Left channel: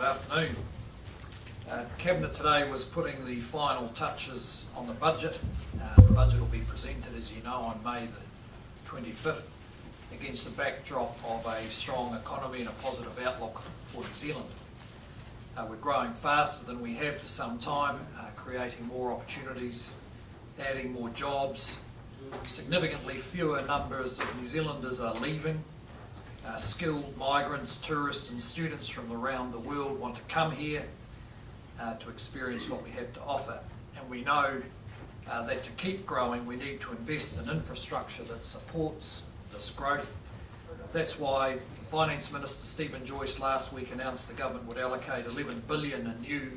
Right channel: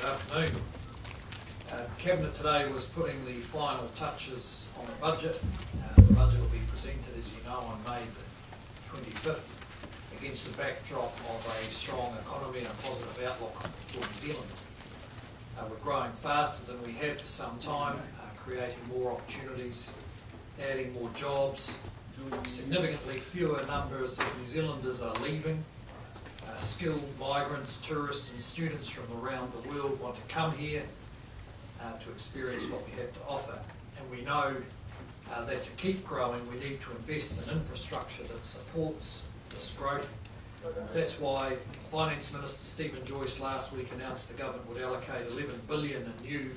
Good afternoon. Cabinet today was putting the final touches on the budget. The budget will be presented, as you know, on May the 25th against the backdrop of a strong economy and a positive outlook for New Zealand. We're growing faster than we have for some time, creating more opportunities, adding more jobs. Significantly fewer numbers of New Zealanders are leaving. Skilled migrants, tourists and students from around the world want to come here to experience what we have to offer. And we know that to keep growing we need to invest in infrastructure that supports this growth. That's why Finance Minister Stephen Joyce last week announced the government would allocate $11 billion in new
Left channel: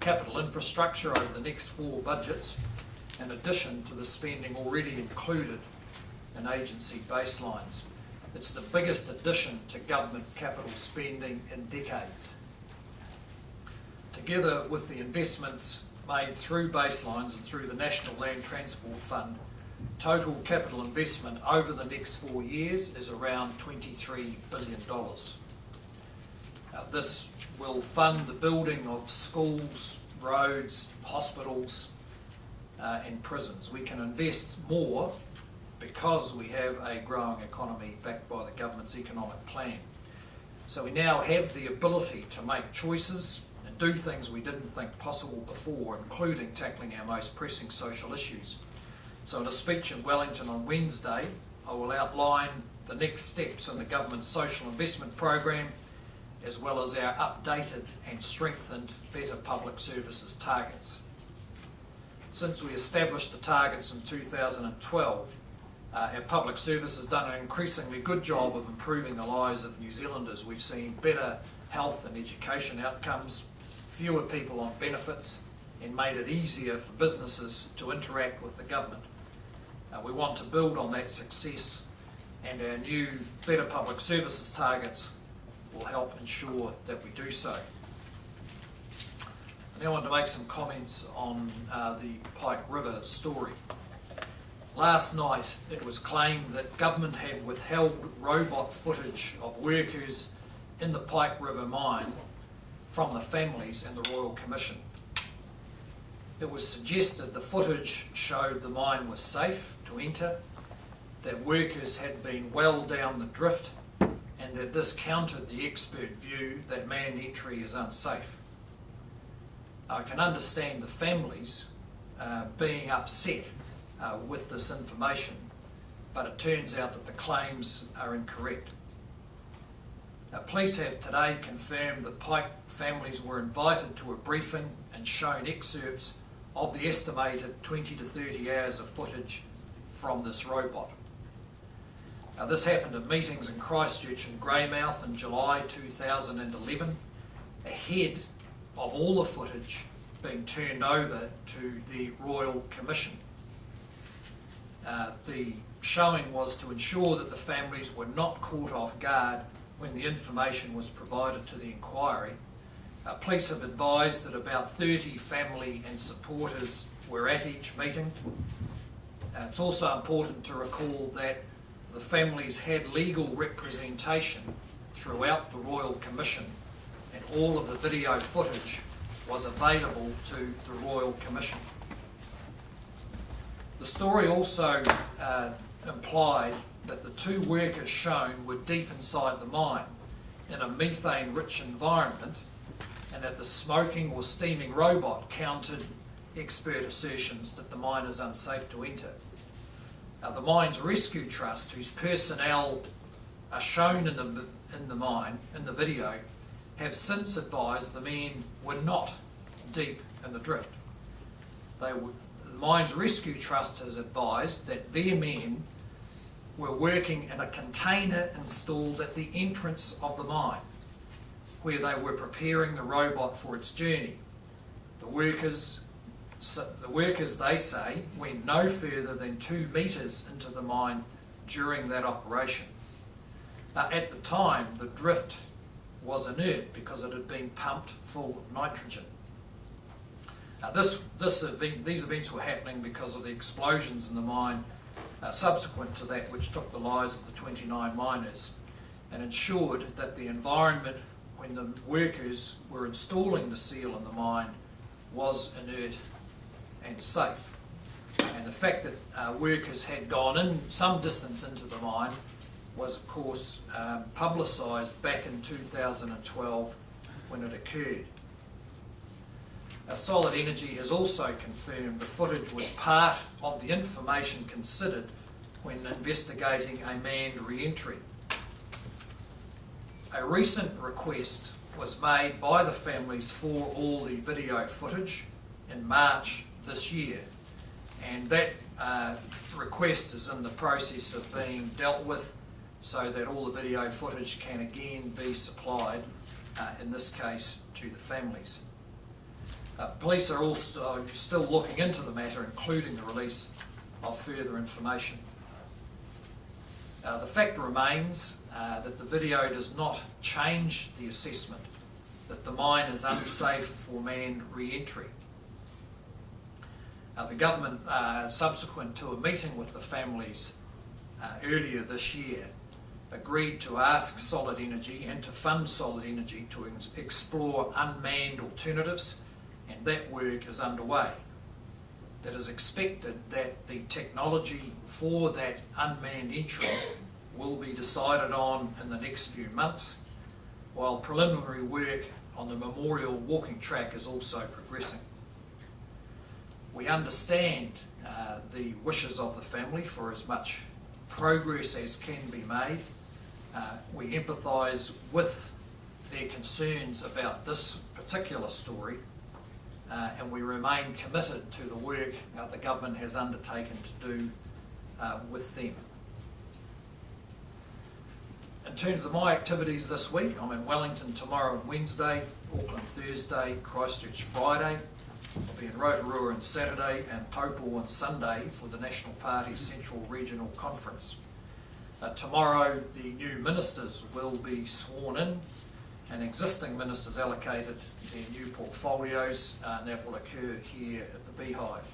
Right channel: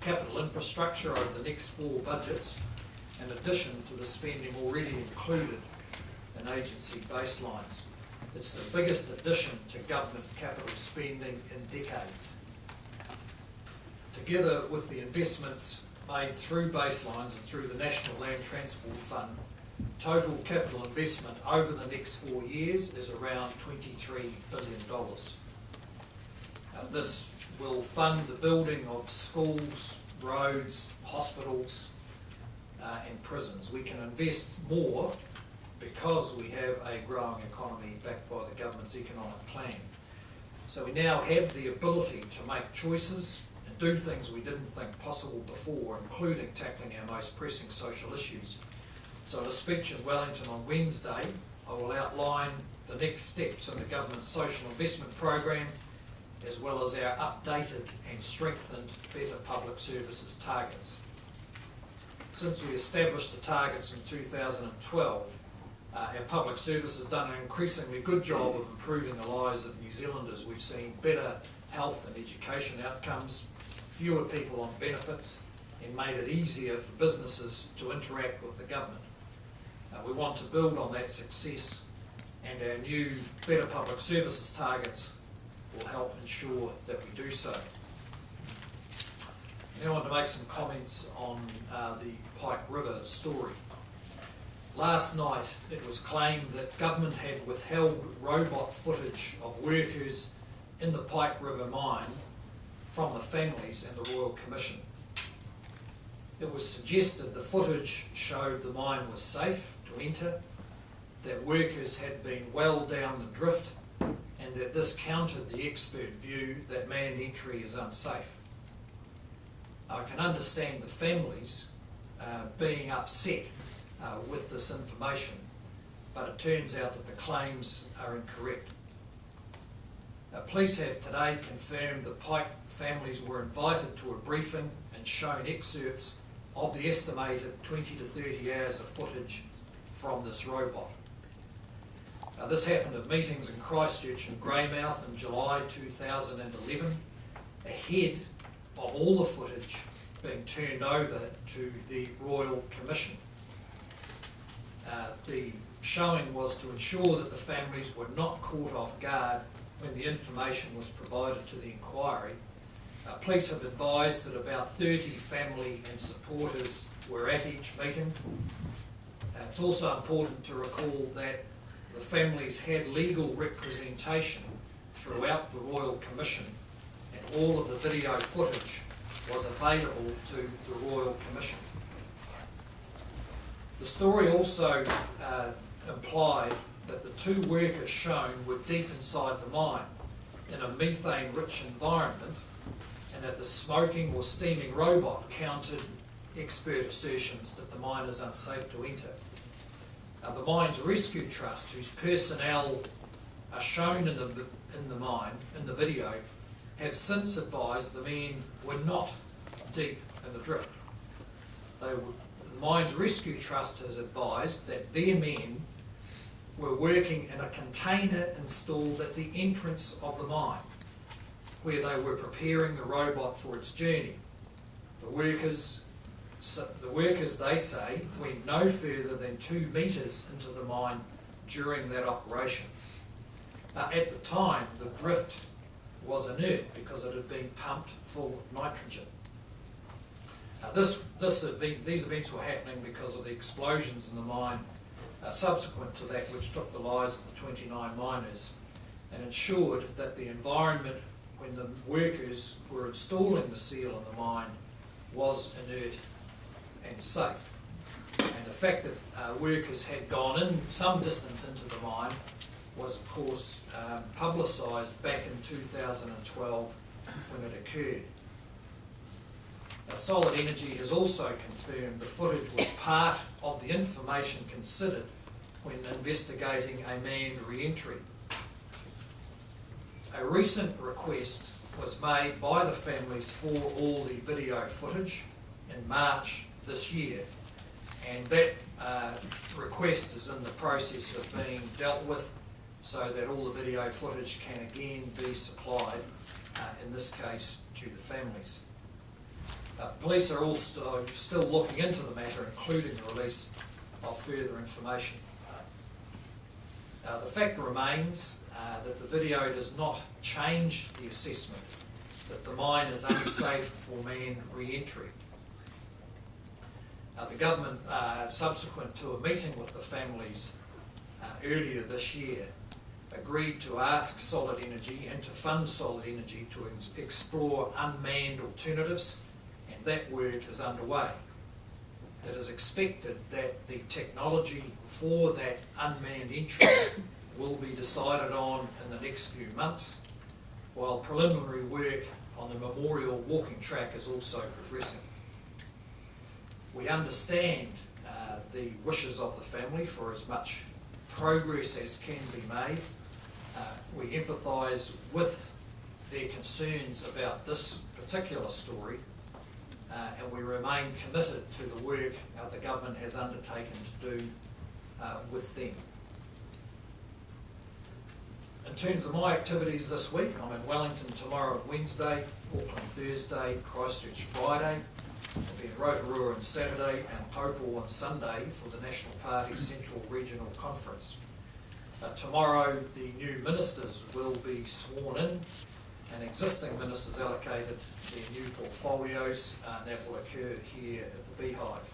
capital infrastructure over the next 4 budgets, in addition to the spending already included in agency baselines. It's the biggest addition to government capital spending in decades. Together with the investments made through baselines and through the National Land Transport Fund, total capital investment over the next 4 years is around $23 billion. This will fund the building of schools, roads, hospitals and prisons. We can invest more because we have a growing economy backed by the government's economic plan. So we now have the ability to make choices and do things we didn't think possible before, including tackling our most pressing social issues. So in a speech in Wellington on Wednesday, I will outline the next steps in the government's social investment program, as well as our updated and strengthened Better Public Services targets. Since we established the targets in 2012, our public service has done an increasingly good job of improving the lives of New Zealanders. We've seen better health and education outcomes, fewer people on benefits, and made it easier for businesses to interact with the government. We want to build on that success, and our new Better Public Services targets will help ensure that we do so. I now want to make some comments on the Pike River story. Last night it was claimed that government had withheld robot footage of workers in the Pike River Mine from the families and the Royal Commission. It was suggested the footage showed the mine was safe to enter, that workers had been well down the drift, and that this countered the expert view that manned entry is unsafe. I can understand the families being upset with this information, but it turns out that the claims are incorrect. Police have today confirmed that Pike families were invited to a briefing and shown excerpts of the estimated 20 to 30 hours of footage from this robot. This happened at meetings in Christchurch and Greymouth in July 2011, ahead of all the footage being turned over to the Royal Commission. The showing was to ensure that the families were not caught off guard when the information was provided to the inquiry. Police have advised that about 30 family and supporters were at each meeting. It's also important to recall that the families had legal representation throughout the Royal Commission, and all of the video footage was available to the Royal Commission. The story also implied that the 2 workers shown were deep inside the mine in a methane-rich environment, and that the smoking or steaming robot countered expert assertions that the mine is unsafe to enter. The Mine's Rescue Trust, whose personnel are shown in the mine, in the video, have since advised the men were not deep in the drift. The Mine's Rescue Trust has advised that their men were working in a container installed at the entrance of the mine, where they were preparing the robot for its journey. The workers, they say, went no further than 2 metres into the mine during that operation. At the time, the drift was inert because it had been pumped full of nitrogen. These events were happening because of the explosions in the mine subsequent to that, which took the lives of the 29 miners and ensured that the environment when the workers were installing the seal in the mine was inert and safe. And the fact that workers had gone in some distance into the mine was of course publicised back in 2012 when it occurred. Solid Energy has also confirmed the footage was part of the information considered when investigating a manned re-entry. A recent request was made by the families for all the video footage in March this year, and that request is in the process of being dealt with so that all the video footage can again be supplied, in this case, to the families. Police are also still looking into the matter, including the release of further information. The fact remains that the video does not change the assessment that the mine is unsafe for manned re-entry. The government, subsequent to a meeting with the families earlier this year, agreed to ask Solid Energy and to fund Solid Energy to explore unmanned alternatives, and that work is underway. It is expected that the technology for that unmanned entry will be decided on in the next few months, while preliminary work on the memorial walking track is also progressing. We understand the wishes of the family for as much progress as can be made. We empathise with their concerns about this particular story, and we remain committed to the work the government has undertaken to do with them. In terms of my activities this week, I'm in Wellington tomorrow and Wednesday, Auckland Thursday, Christchurch Friday. I'll be in Rotorua on Saturday and Taupo on Sunday for the National Party Central Regional Conference. Tomorrow the new ministers will be sworn in and existing ministers allocated their new portfolios, and that will occur here at the Beehive.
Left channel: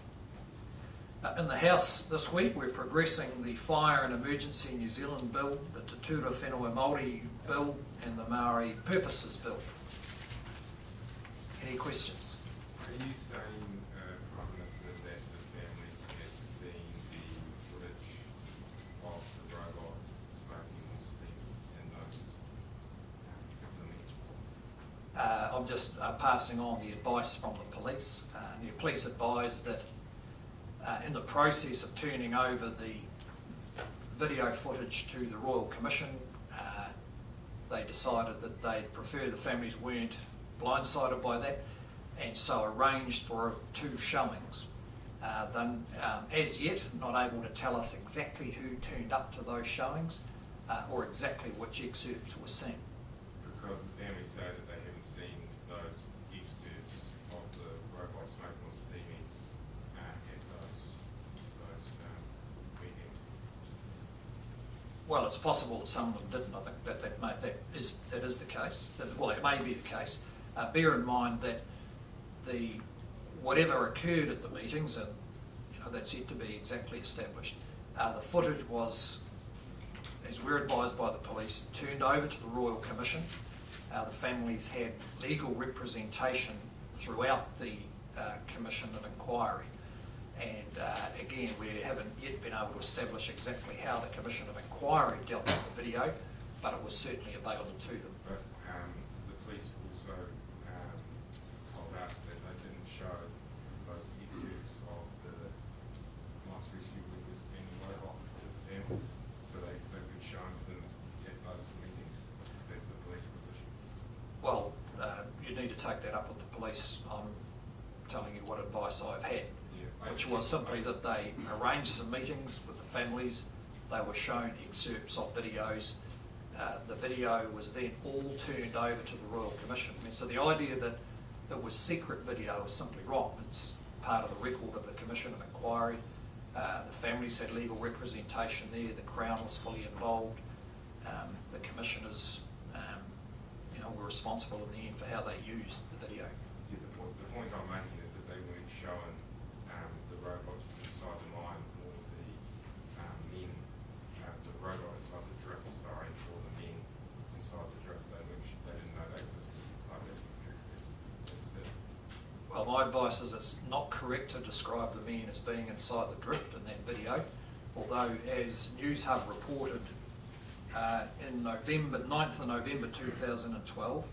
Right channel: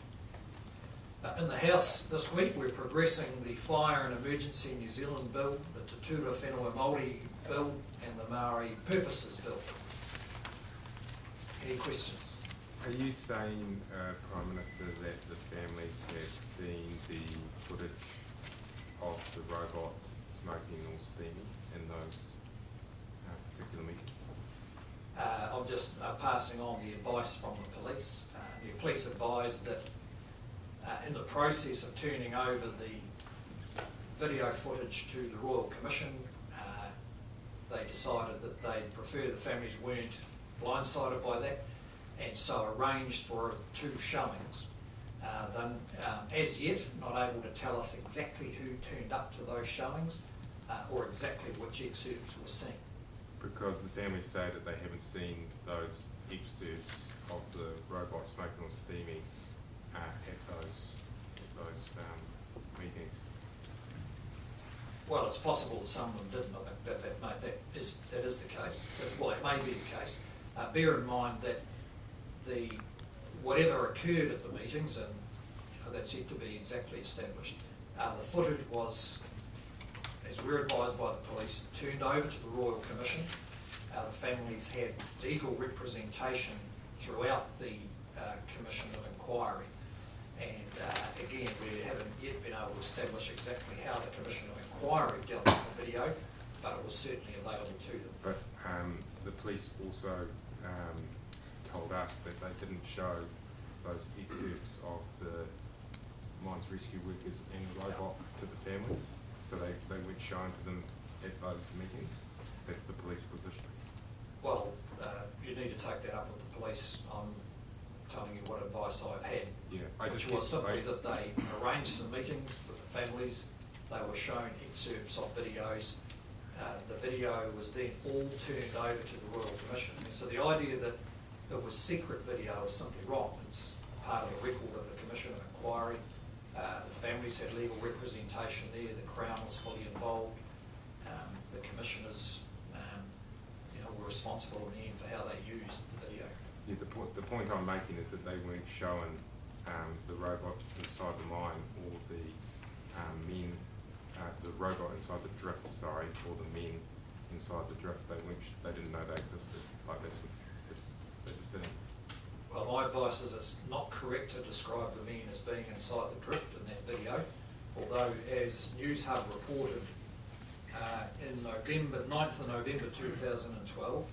In the House this week we're progressing the Fire and Emergency New Zealand Bill, the Te Tura Whenua Māori Bill and the Maori Purposes Bill. Any questions? Are you saying, Prime Minister, that the families have seen the footage of the robot smoking or steaming in those particular meetings? I'm just passing on the advice from the police. The police advised that in the process of turning over the video footage to the Royal Commission, they decided that they prefer the families weren't blindsided by that, and so arranged for 2 showings. Then, as yet, not able to tell us exactly who turned up to those showings or exactly which excerpts were seen. Because the families say that they haven't seen those excerpts of the robot smoking or steaming at those meetings. Well, it's possible that some of them didn't. I think that is the case. Well, it may be the case. Bear in mind that whatever occurred at the meetings, and that's yet to be exactly established, the footage was, as we're advised by the police, turned over to the Royal Commission. The families had legal representation throughout the Commission of Inquiry, and again, we haven't yet been able to establish exactly how the Commission of Inquiry dealt with the video, but it was certainly available to them. But the police also told us that they didn't show those excerpts of the mines rescue workers and the robot to the families, so they weren't shown to them at those meetings. That's the police position. Well, you need to take that up with the police. I'm telling you what advice I've had, which was simply that they arranged some meetings with the families. They were shown excerpts of videos. The video was then all turned over to the Royal Commission. And so the idea that it was secret video is simply wrong. It's part of the record of the Commission of Inquiry. The families had legal representation there. The Crown was fully involved. The commissioners were responsible in the end for how they used the video. Yeah, the point I'm making is that they weren't showing the robot inside the mine or the robot inside the drift, or the men inside the drift, they didn't know they existed. Like they just didn't. Well, my advice is it's not correct to describe the men as being inside the drift in that video, although as News Hub reported in November, 9th of November 2012,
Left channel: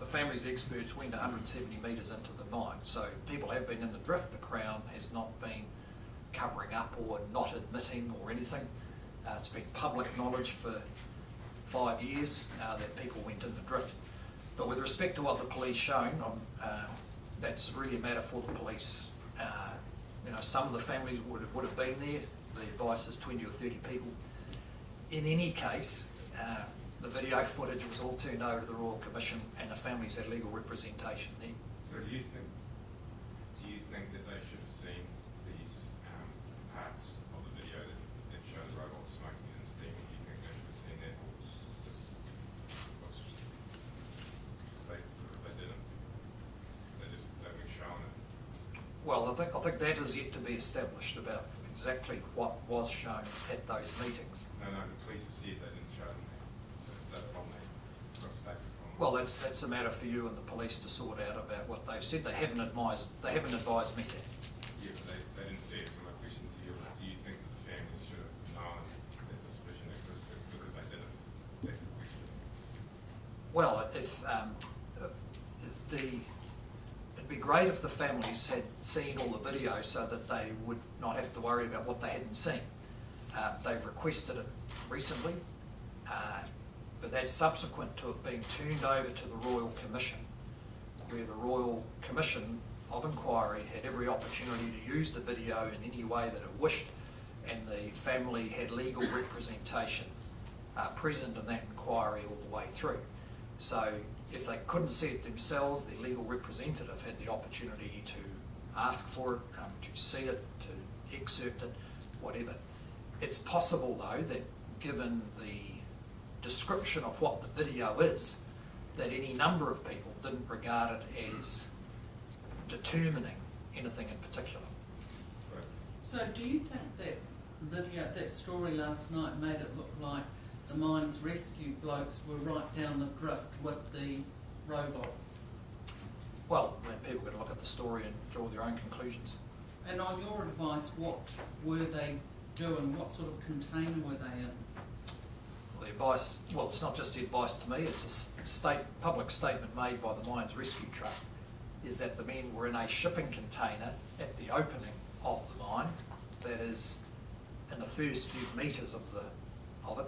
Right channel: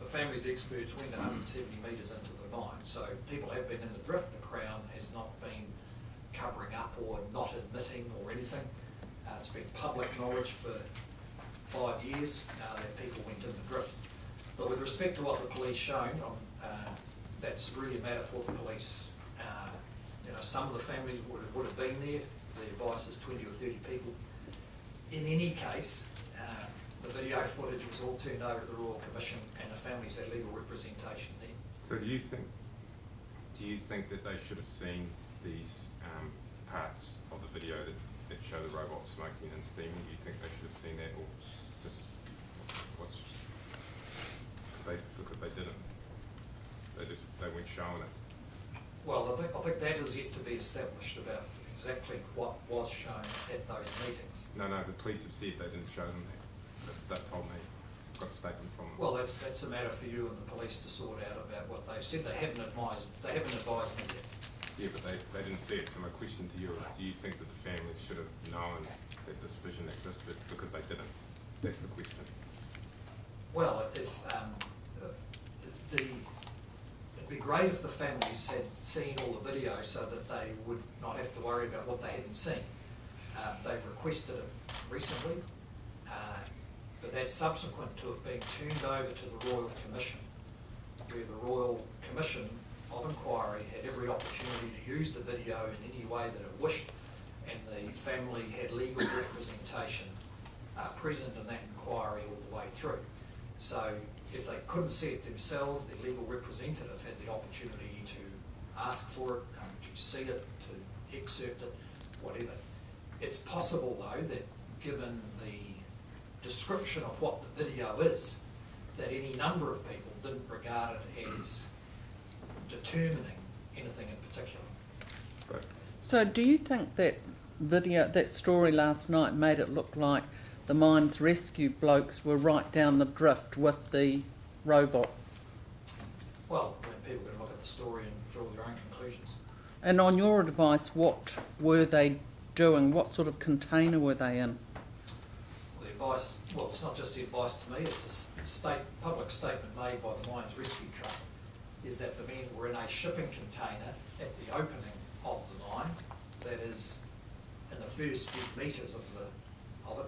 the family's experts went 170 metres into the mine. So people have been in the drift. The Crown has not been covering up or not admitting or anything. It's been public knowledge for 5 years that people went in the drift. But with respect to what the police shown, that's really a matter for the police. Some of the families would have been there. The advice is 20 or 30 people. In any case, the video footage was all turned over to the Royal Commission and the families had legal representation there. So do you think that they should have seen these parts of the video that show the robot smoking and steaming? Do you think they should have seen that, or just watch? Because they didn't. They weren't showing it. Well, I think that is yet to be established about exactly what was shown at those meetings. No, the police have said they didn't show them that. They told me. Got a statement from them. Well, that's a matter for you and the police to sort out about what they've said. They haven't advised me yet. Yeah, but they didn't see it. So my question to you is, do you think that the families should have known that this vision existed because they didn't? That's the question. Well, if it'd be great if the families had seen all the video so that they would not have to worry about what they hadn't seen. They've requested it recently, but that's subsequent to it being turned over to the Royal Commission, where the Royal Commission of Inquiry had every opportunity to use the video in any way that it wished, and the family had legal representation present in that inquiry all the way through. So if they couldn't see it themselves, the legal representative had the opportunity to ask for it, to see it, to excerpt it, whatever. It's possible though that given the description of what the video is, that any number of people didn't regard it as determining anything in particular. Right. So do you think that video, that story last night made it look like the mines rescue blokes were right down the drift with the robot? Well, I mean, people can look at the story and draw their own conclusions. And on your advice, what were they doing? What sort of container were they in? Well, the advice, well, it's not just the advice to me, it's a public statement made by the Mines Rescue Trust, is that the men were in a shipping container at the opening of the mine, that is in the first few metres of it,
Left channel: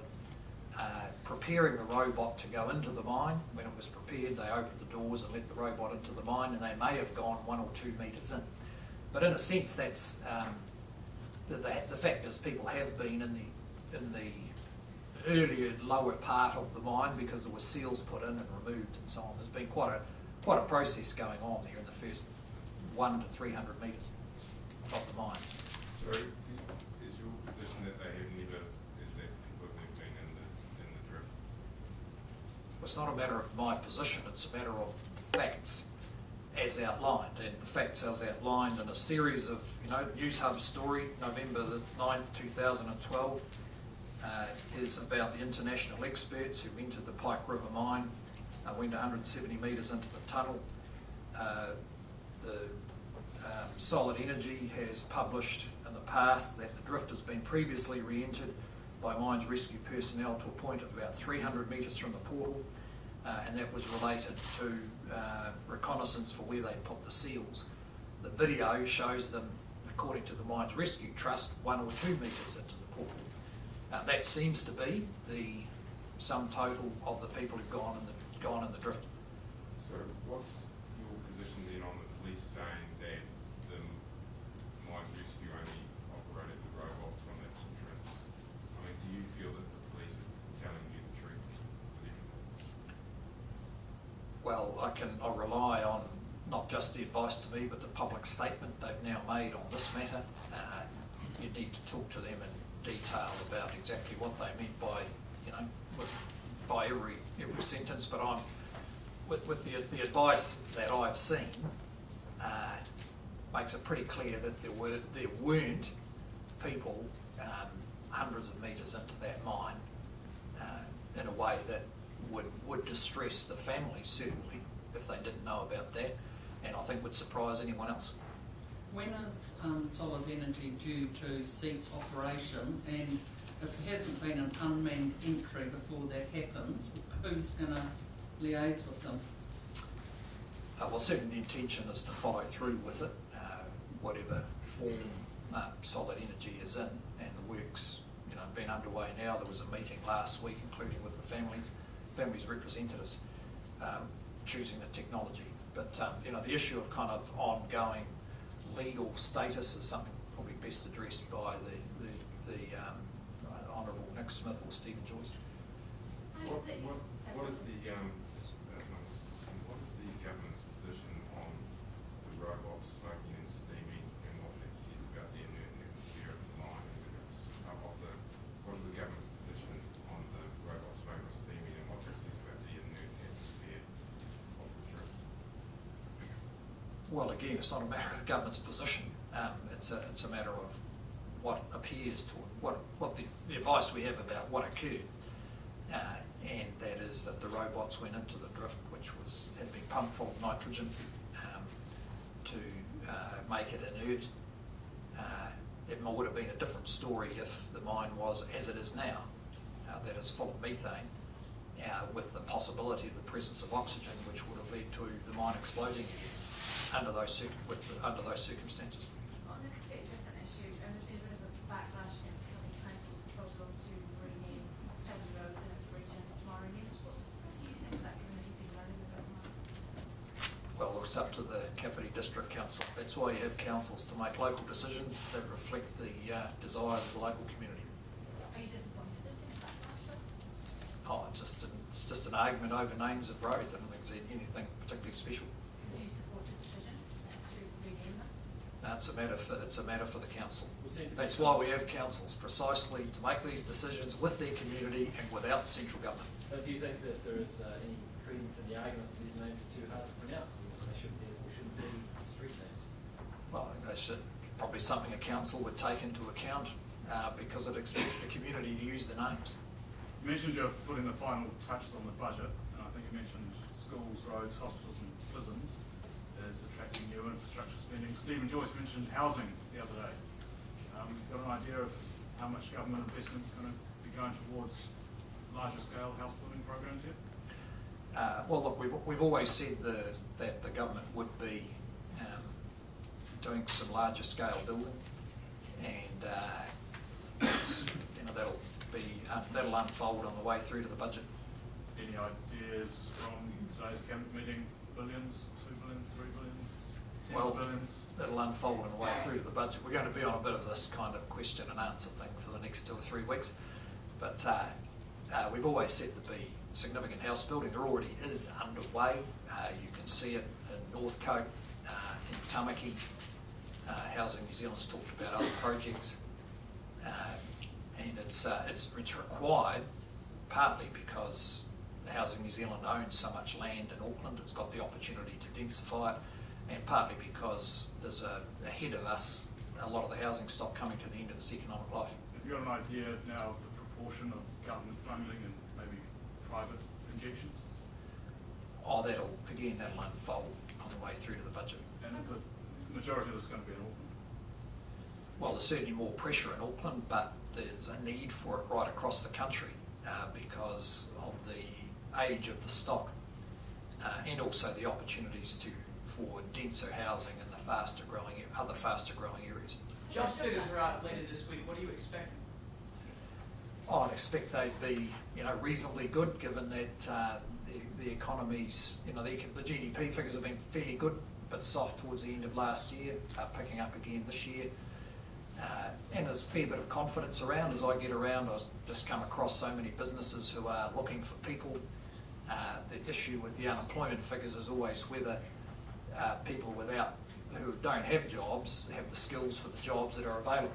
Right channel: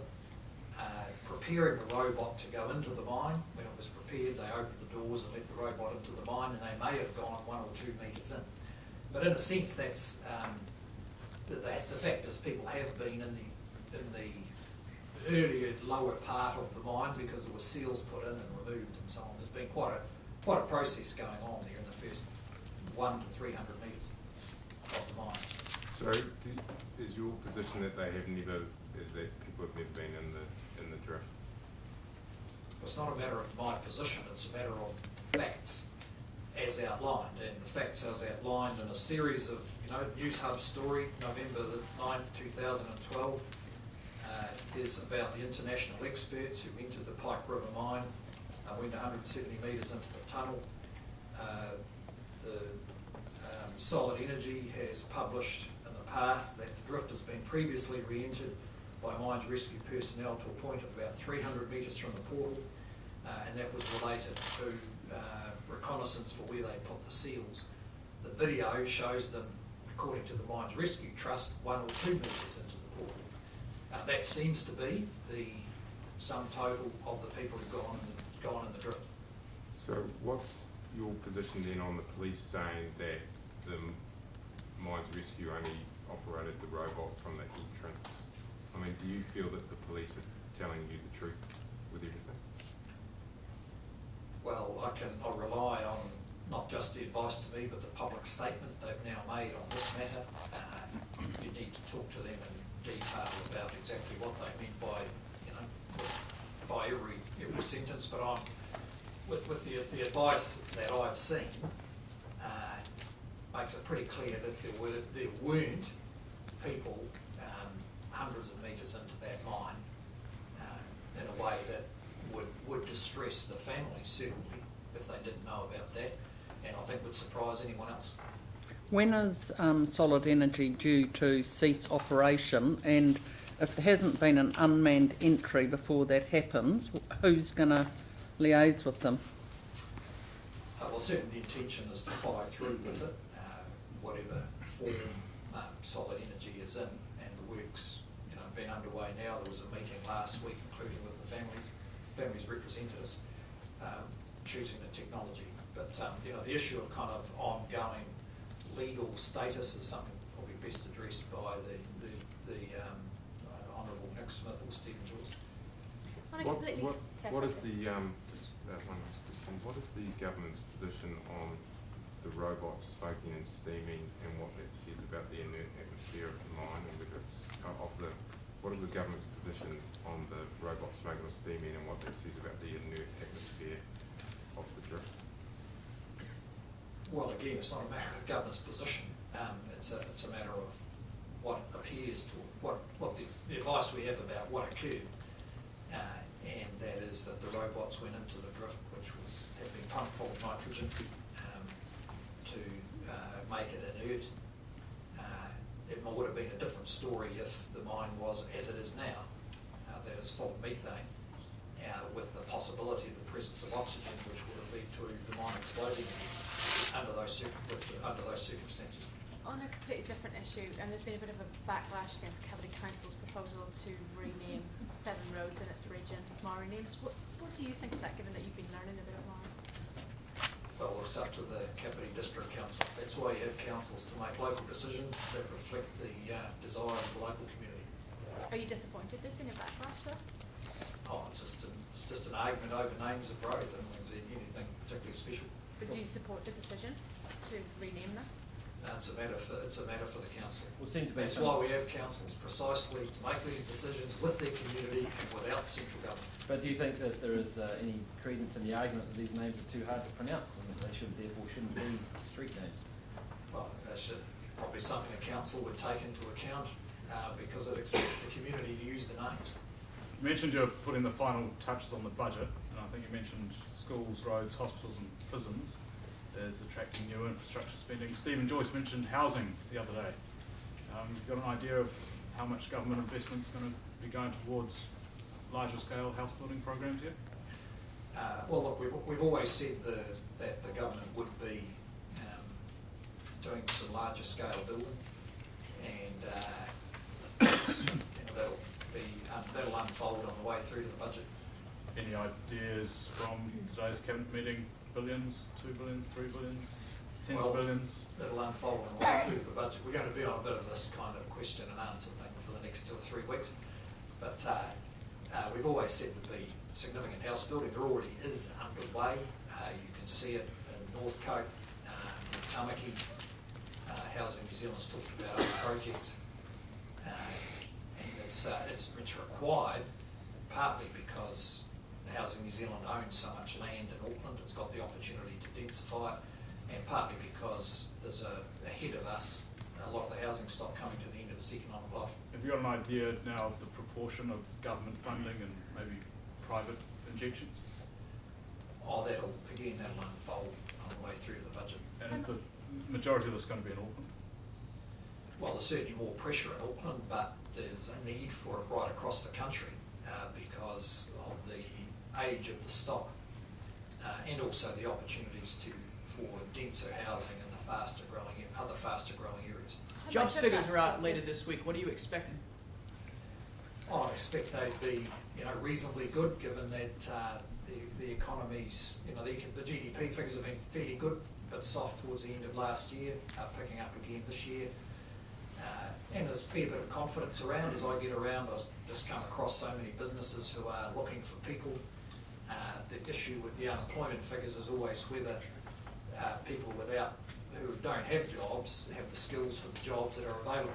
preparing the robot to go into the mine. When it was prepared, they opened the doors and let the robot into the mine, and they may have gone 1 or 2 metres in. But in a sense, that's the fact is people have been in the earlier lower part of the mine because there were seals put in and removed and so on. There's been quite a process going on there in the first 100 to 300 metres of the mine. So is your position that they have never, is that people have never been in the drift? It's not a matter of my position, it's a matter of facts as outlined, and the facts as outlined in a series of, News Hub story, November the 9th, 2012, is about the international experts who entered the Pike River Mine, went 170 metres into the tunnel. Solid Energy has published in the past that the drift has been previously re-entered by mines rescue personnel to a point of about 300 metres from the portal, and that was related to reconnaissance for where they put the seals. The video shows them, according to the Mines Rescue Trust, 1 or 2 metres into the portal. That seems to be the sum total of the people who've gone in the drift. So what's your position then on the police saying that the Mines Rescue only operated the robot from that entrance? I mean, do you feel that the police are telling you the truth with everything? Well, I'll rely on not just the advice to me, but the public statement they've now made on this matter. You need to talk to them in detail about exactly what they meant by, by every sentence. But I'm with the advice that I've seen makes it pretty clear that there weren't people hundreds of metres into that mine in a way that would distress the families, certainly, if they didn't know about that, and I think would surprise anyone else. When is Solid Energy due to cease operation, and if there hasn't been an unmanned entry before that happens, who's going to liaise with them? Well, certainly the intention is to follow through with it, whatever form Solid Energy is in, and the work's been underway now. There was a meeting last week, including with the families representatives, choosing the technology. But the issue of kind of ongoing legal status is something probably best addressed by the Honourable Nick Smith or Stephen Joyce. What is the government's position on the robots smoking and steaming and what it says about the inert atmosphere of the mine, and whether it's what is the government's position on the robots smoking or steaming and what it says about the inert atmosphere of the drift? Well, again, it's not a matter of the government's position. It's a matter of what appears to what the advice we have about what occurred, and that is that the robots went into the drift, which had been pumped full of nitrogen to make it inert. It would have been a different story if the mine was as it is now, that is full of methane, with the possibility of the presence of oxygen, which would have led to the mine exploding under those circumstances. On a completely different issue, and there's been a bit of a backlash against County Council's proposal to rename 7 roads in its region Maori names. What do you think of that, given that you've been learning a bit more? Well, it's up to the Kapiti District Council. That's why you have councils, to make local decisions that reflect the desires of the local community. Are you disappointed there's been a backlash though? Oh, it's just an argument over names of roads. I don't think there's anything particularly special. But do you support the decision to rename them? It's a matter for the council. We'll That's why we have councils, precisely to make these decisions with their community and without central government. But do you think that there is any credence in the argument that these names are too hard to pronounce and that they shouldn't be street names? Well, that's probably something a council would take into account because it expects the community to use the names. You mentioned you're putting the final touches on the budget, and I think you mentioned schools, roads, hospitals and prisons as attracting new infrastructure spending. Stephen Joyce mentioned housing the other day. You've got an idea of how much government investment is going to be going towards larger scale house building programs yet? Well, look, we've always said that the government would be doing some larger scale building, and that'll unfold on the way through to the budget. Any ideas from today's cabinet meeting? Billions, 2 billions, 3 billions, tens of billions? That'll unfold on the way through to the budget. We're going to be on a bit of this kind of question and answer thing for the next 2 or 3 weeks, but we've always said there'd be significant house building. There already is underway. You can see it in Northcote, in Tamaki. Housing New Zealand's talked about other projects, and it's required partly because Housing New Zealand owns so much land in Auckland. It's got the opportunity to densify it, and partly because there's ahead of us a lot of the housing stock coming to the end of its economic life. Have you got an idea now of the proportion of government funding and maybe private injections? Oh, that'll unfold on the way through to the budget. And is the majority of this going to be in Auckland? Well, there's certainly more pressure in Auckland, but there's a need for it right across the country because of the age of the stock and also the opportunities for denser housing in the other faster growing areas. Jobs figures are out later this week. What are you expecting? Oh, I'd expect they'd be, reasonably good, given that the economies, the GDP figures have been fairly good, but soft towards the end of last year, picking up again this year. And there's a fair bit of confidence around. As I get around, I've just come across so many businesses who are looking for people. The issue with the unemployment figures is always whether people who don't have jobs have the skills for the jobs that are available.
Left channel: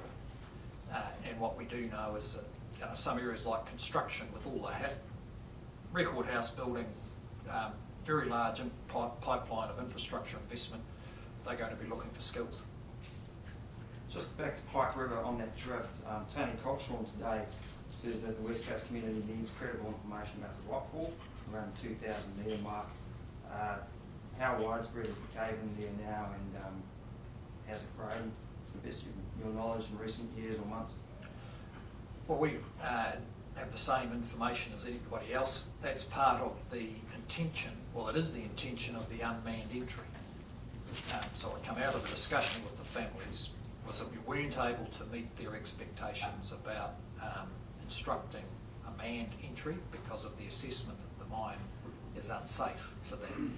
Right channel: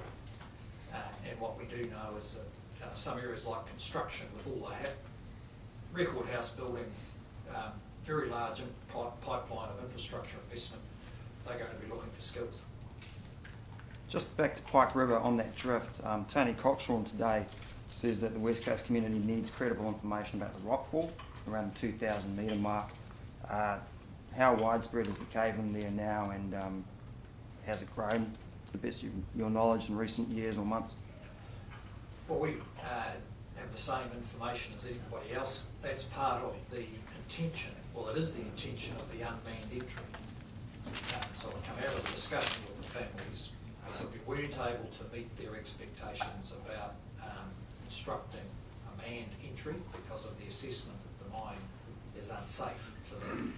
And what we do know is that some areas like construction, with all the record house building, very large pipeline of infrastructure investment, they're going to be looking for skills. Just back to Pike River on that drift, Tony Coxron today says that the West Coast community needs credible information about the rockfall around the 2,000 metre mark. How widespread is the cave in there now, and has it grown to the best of your knowledge in recent years or months? Well, we have the same information as anybody else. That's part of the intention, well, it is the intention of the unmanned entry. So what come out of the discussion with the families was that we weren't able to meet their expectations about instructing a manned entry because of the assessment that the mine is unsafe for them.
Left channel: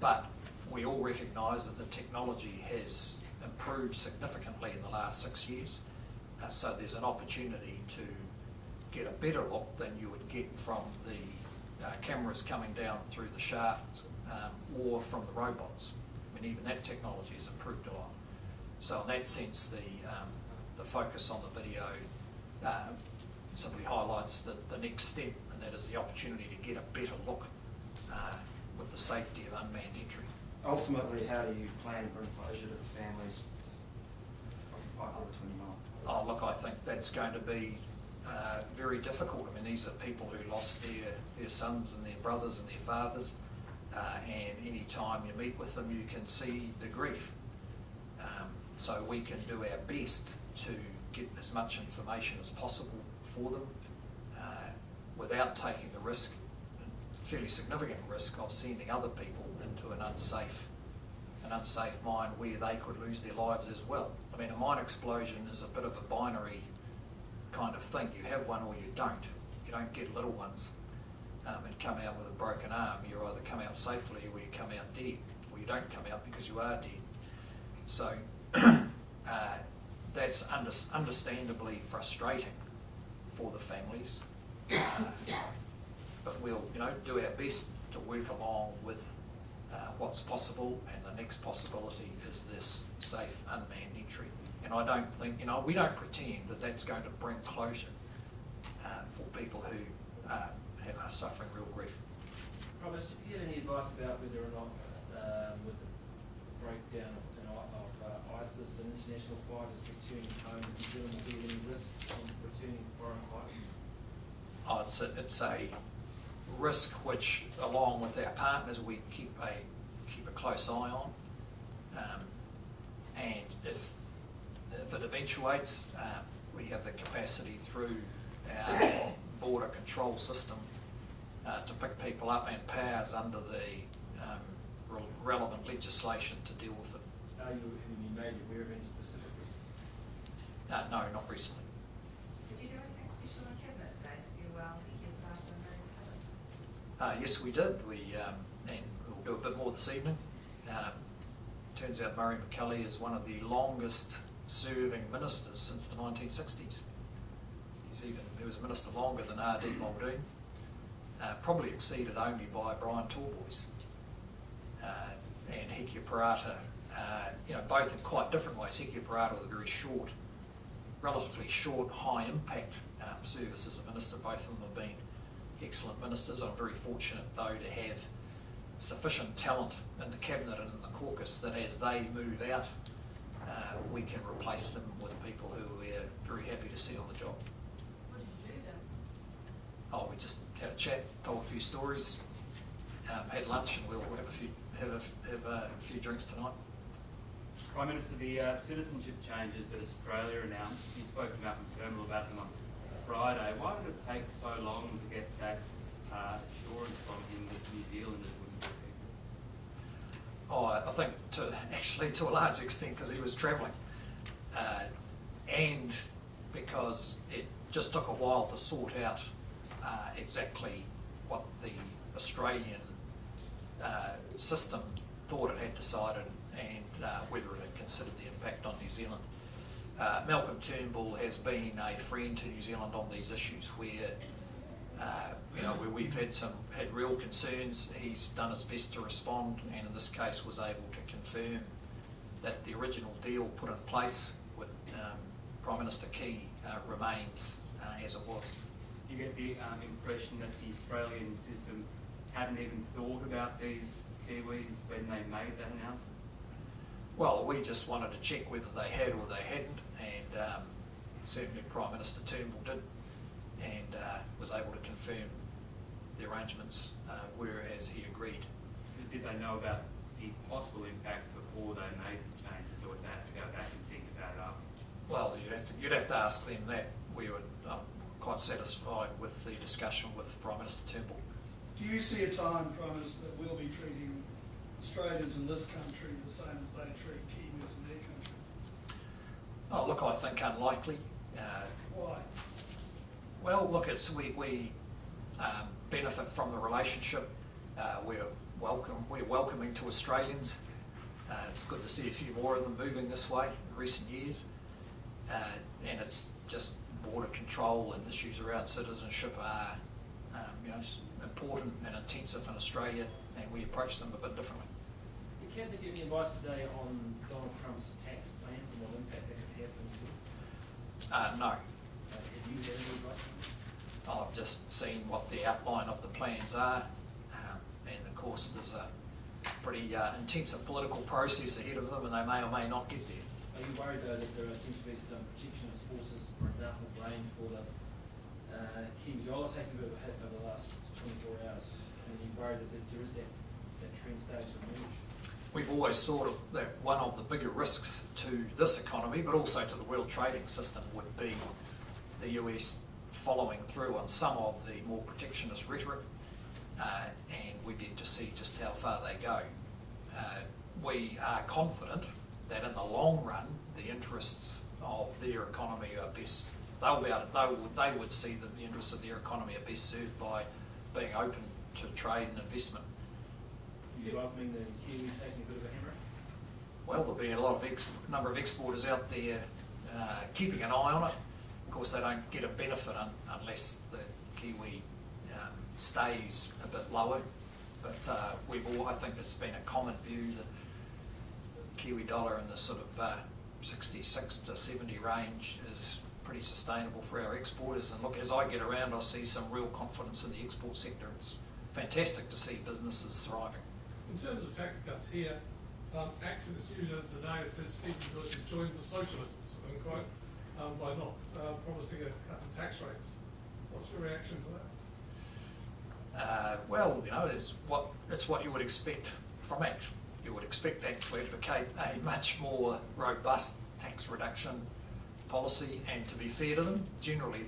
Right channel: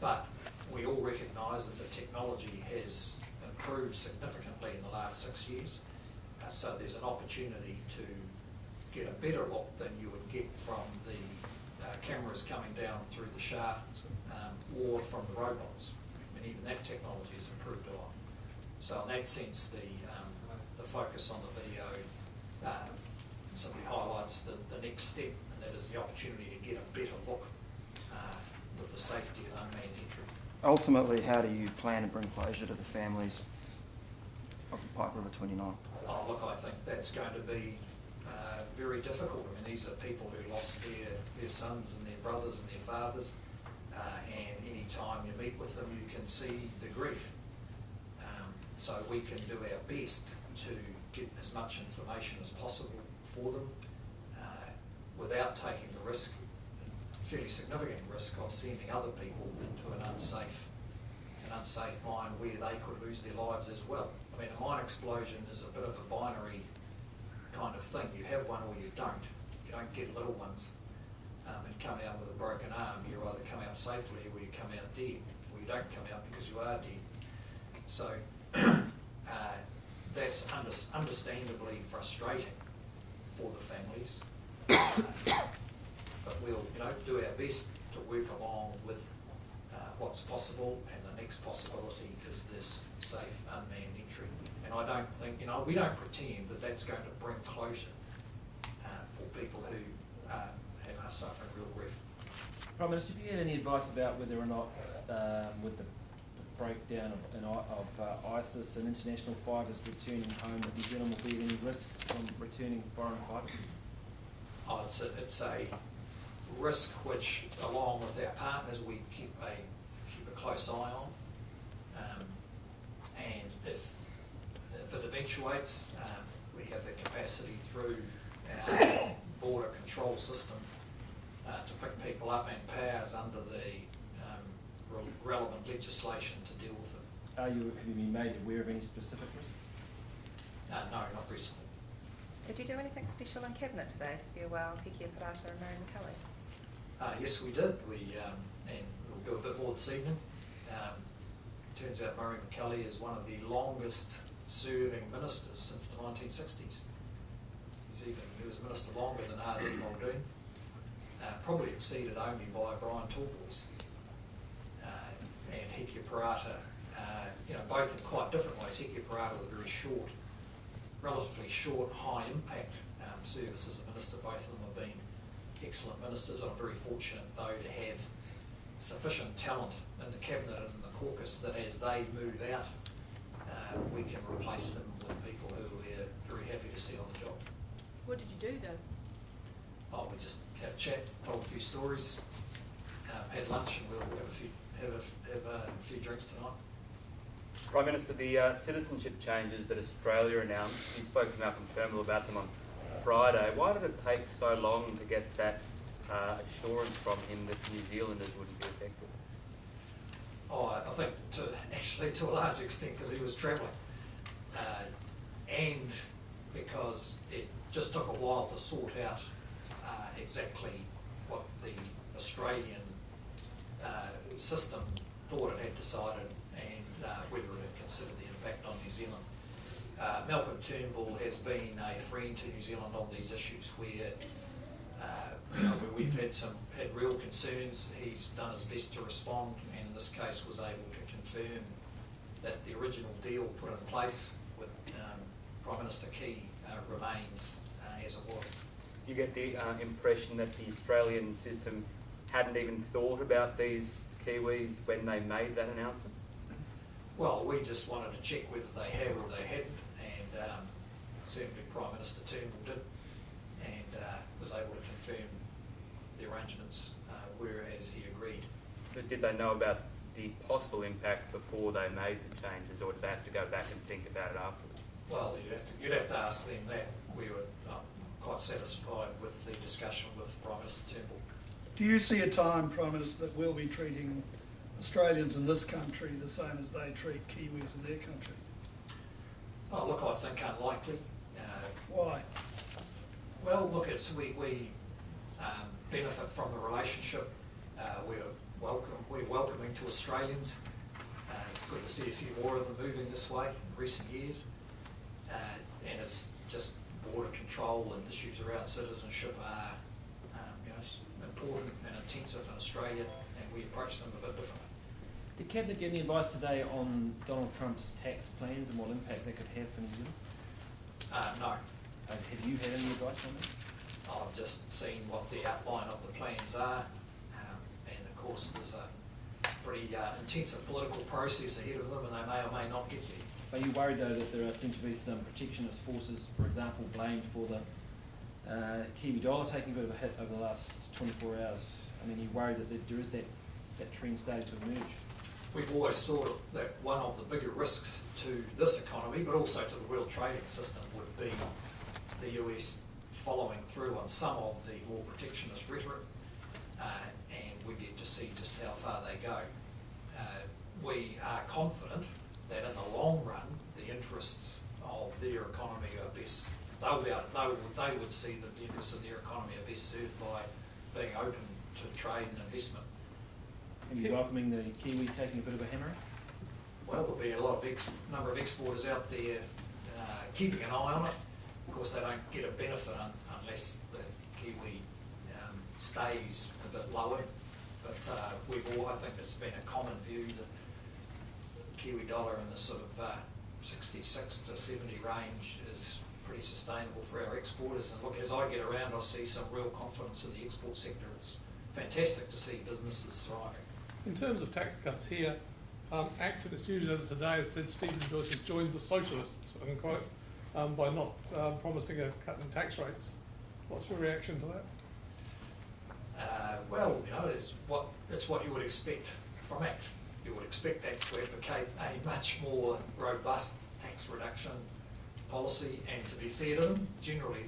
But we all recognise that the technology has improved significantly in the last 6 years. So there's an opportunity to get a better look than you would get from the cameras coming down through the shafts or from the robots. I mean, even that technology has improved a lot. So in that sense, the focus on the video simply highlights the next step, and that is the opportunity to get a better look with the safety of unmanned entry. Ultimately, how do you plan to bring closure to the families of the Pike River 29? Oh, look, I think that's going to be very difficult. I mean, these are people who lost their sons and their brothers and their fathers, and any time you meet with them, you can see the grief. So we can do our best to get as much information as possible for them without taking the risk, fairly significant risk, of sending other people into an unsafe mine where they could lose their lives as well. I mean, a mine explosion is a bit of a binary kind of thing. You have one or you don't. You don't get little ones and come out with a broken arm. You either come out safely or you come out dead, or you don't come out because you are dead. So that's understandably frustrating for the families. But we'll, do our best to work along with what's possible, and the next possibility is this safe unmanned entry. And I don't think, we don't pretend that that's going to bring closure for people who are suffering real grief. Prime Minister, have you had any advice about whether or not, with the breakdown of ISIS and international fighters returning home, that New Zealand will be any risk on returning foreign fighters? Oh, it's a risk which, along with our partners, we keep a close eye on. And if it eventuates, we have the capacity through our border control system to pick people up, and powers under the relevant legislation to deal with it. Have you been made aware of any specific risks? No, not recently. Did you do anything special in Cabinet today to farewell Pike River and Mary McKelly? Yes, we did. And we'll do a bit more this evening. Turns out Murray McKelly is one of the longest serving ministers since the 1960s. He was minister longer than R.D. Muldoon, probably exceeded only by Brian Talboys and Hekia Parata, both in quite different ways. Hekia Parata was a very short, relatively short, high impact service as a minister. Both of them have been excellent ministers. I'm very fortunate, though, to have sufficient talent in the Cabinet and in the caucus that as they move out, we can replace them with people who we're very happy to see on the job. What did you do then? Oh, we just had a chat, told a few stories, had lunch, and we'll have a few drinks tonight. Prime Minister, the citizenship changes that Australia announced, you spoke about confirmed about them on Friday. Why did it take so long to get that assurance from him that New Zealanders wouldn't be affected? Oh, I think to a large extent because he was travelling, and because it just took a while to sort out exactly what the Australian system thought it had decided, and whether it had considered the impact on New Zealand. Malcolm Turnbull has been a friend to New Zealand on these issues where where we've had real concerns. He's done his best to respond, and in this case was able to confirm that the original deal put in place with Prime Minister Key remains as it was. You get the impression that the Australian system hadn't even thought about these Kiwis when they made that announcement? Well, we just wanted to check whether they had or they hadn't, and certainly Prime Minister Turnbull did, and was able to confirm the arrangements were as he agreed. But did they know about the possible impact before they made the changes, or did they have to go back and think about it after? Well, you'd have to ask them that. We were quite satisfied with the discussion with Prime Minister Turnbull. Do you see a time, Prime Minister, that we'll be treating Australians in this country the same as they treat Kiwis in their country? Oh, look, I think unlikely. Why? Well, look, we benefit from the relationship. We're welcoming to Australians. It's good to see a few more of them moving this way in recent years. And it's just border control and issues around citizenship are important and intensive in Australia, and we approach them a bit differently. Did Cabinet give any advice today on Donald Trump's tax plans and what impact they could have for New Zealand? No. Have you had any advice on that? I've just seen what the outline of the plans are, and of course there's a pretty intensive political process ahead of them, and they may or may not get there. Are you worried though that there seem to be some protectionist forces, for example, blamed for the Kiwi dollar taking a bit of a hit over the last 24 hours? I mean, you're worried that there is that trend starting to emerge? We've always thought that one of the bigger risks to this economy, but also to the world trading system, would be the US following through on some of the more protectionist rhetoric, and we've yet to see just how far they go. We are confident that in the long run, the interests of their economy are best. They would see that the interests of their economy are best served by being open to trade and investment. Are you welcoming the Kiwi taking a bit of a hammering? Well, there'll be a lot of number of exporters out there keeping an eye on it. Of course, they don't get a benefit unless the Kiwi stays a bit lower. But I think it's been a common view that Kiwi dollar in the sort of 66 to 70 range is pretty sustainable for our exporters. And look, as I get around, I see some real confidence in the export sector. It's fantastic to see businesses thriving. In terms of tax cuts here, activist user today has said Stephen Joyce has joined the socialists, unquote, by not promising a cut in tax rates. What's your reaction to that? Well, it's what you would expect from ACT. You would expect that to advocate a much more robust tax reduction policy, and to be fair to them, generally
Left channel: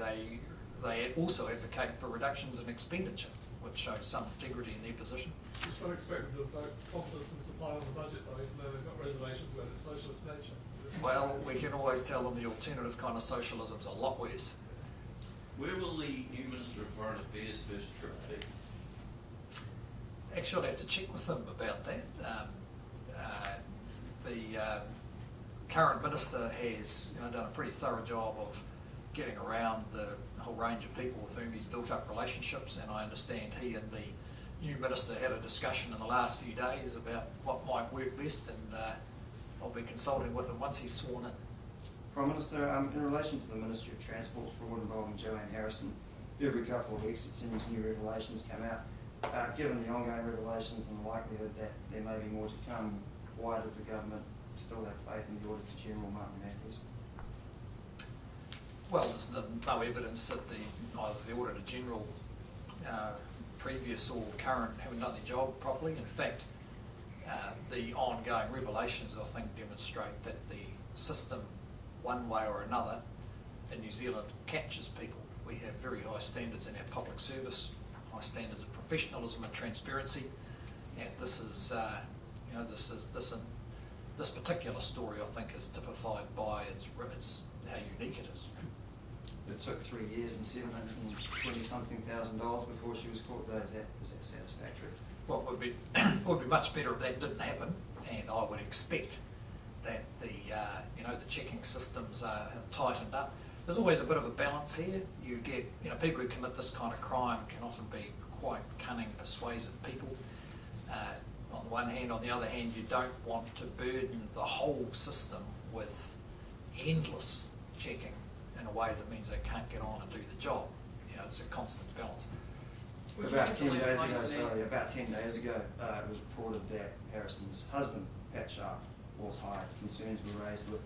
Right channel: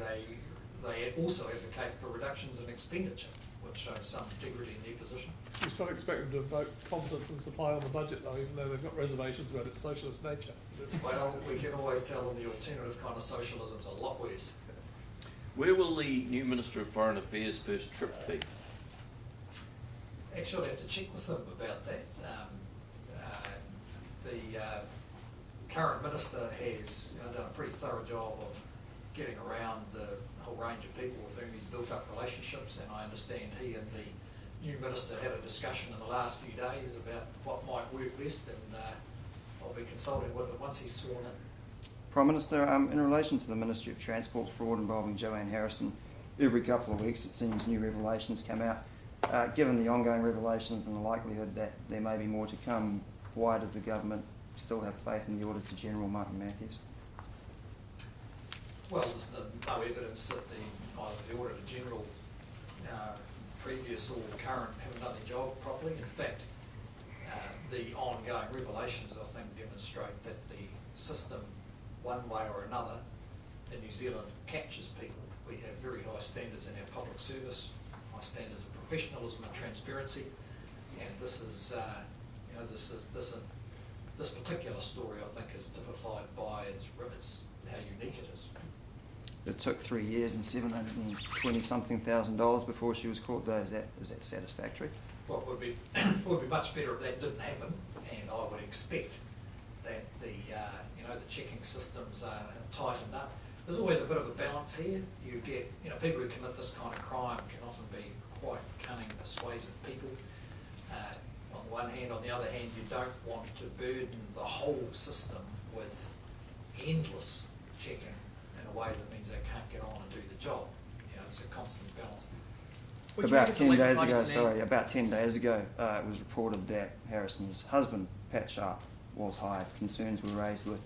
they also advocate for reductions in expenditure, which shows some integrity in their position. You still expect them to vote confidence and supply on the budget, though, even though they've got reservations about its socialist nature. Well, we can always tell them the alternative kind of socialism's a lot worse. Where will the new Minister of Foreign Affairs' first trip be? Actually, I'll have to check with them about that. The current minister has done a pretty thorough job of getting around the whole range of people with whom he's built up relationships, and I understand he and the new minister had a discussion in the last few days about what might work best, and I'll be consulting with him once he's sworn in. Prime Minister, in relation to the Ministry of Transport fraud involving Joanne Harrison, every couple of weeks it seems new revelations come out. Given the ongoing revelations and the likelihood that there may be more to come, why does the government still have faith in the Auditor General, Martin Matthews? Well, there's no evidence that either the Auditor General, previous or current, haven't done their job properly. In fact, the ongoing revelations, I think, demonstrate that the system, one way or another, in New Zealand catches people. We have very high standards in our public service, high standards of professionalism and transparency, and this is, this particular story, I think, is typified by how unique it is. It took 3 years and $720,000 before she was caught, though. Is that satisfactory? Well, it would be much better if that didn't happen, and I would expect that the checking systems have tightened up. There's always a bit of a balance here. You get, people who commit this kind of crime can often be quite cunning, persuasive people. On the one hand, on the other hand, you don't want to burden the whole system with endless checking in a way that means they can't get on and do the job. It's a constant balance. About 10 days ago, it was reported that Harrison's husband, Pat Sharp, was hired. Concerns were raised with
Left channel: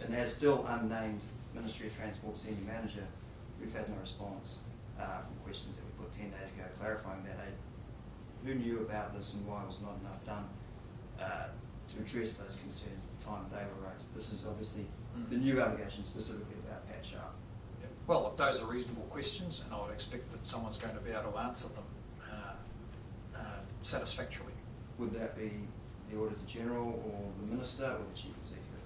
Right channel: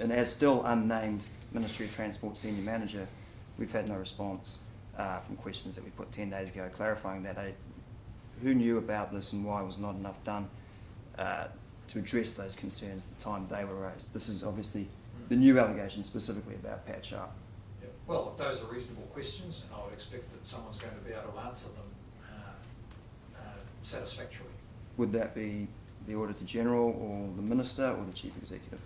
an as still unnamed Ministry of Transport Senior Manager, we've had no response from questions that we put 10 days ago clarifying that who knew about this and why was not enough done to address those concerns at the time they were raised. This is obviously the new allegation specifically about Pat Sharp. Yep. Well, look, those are reasonable questions, and I would expect that someone's going to be able to answer them satisfactorily. Would that be the Auditor General or the Minister or the Chief Executive?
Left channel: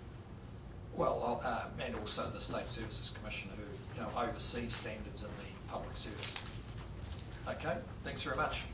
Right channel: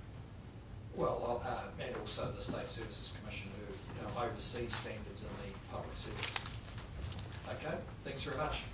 Well, and also the State Services Commission, who oversees standards in the public service. Okay, thanks very much.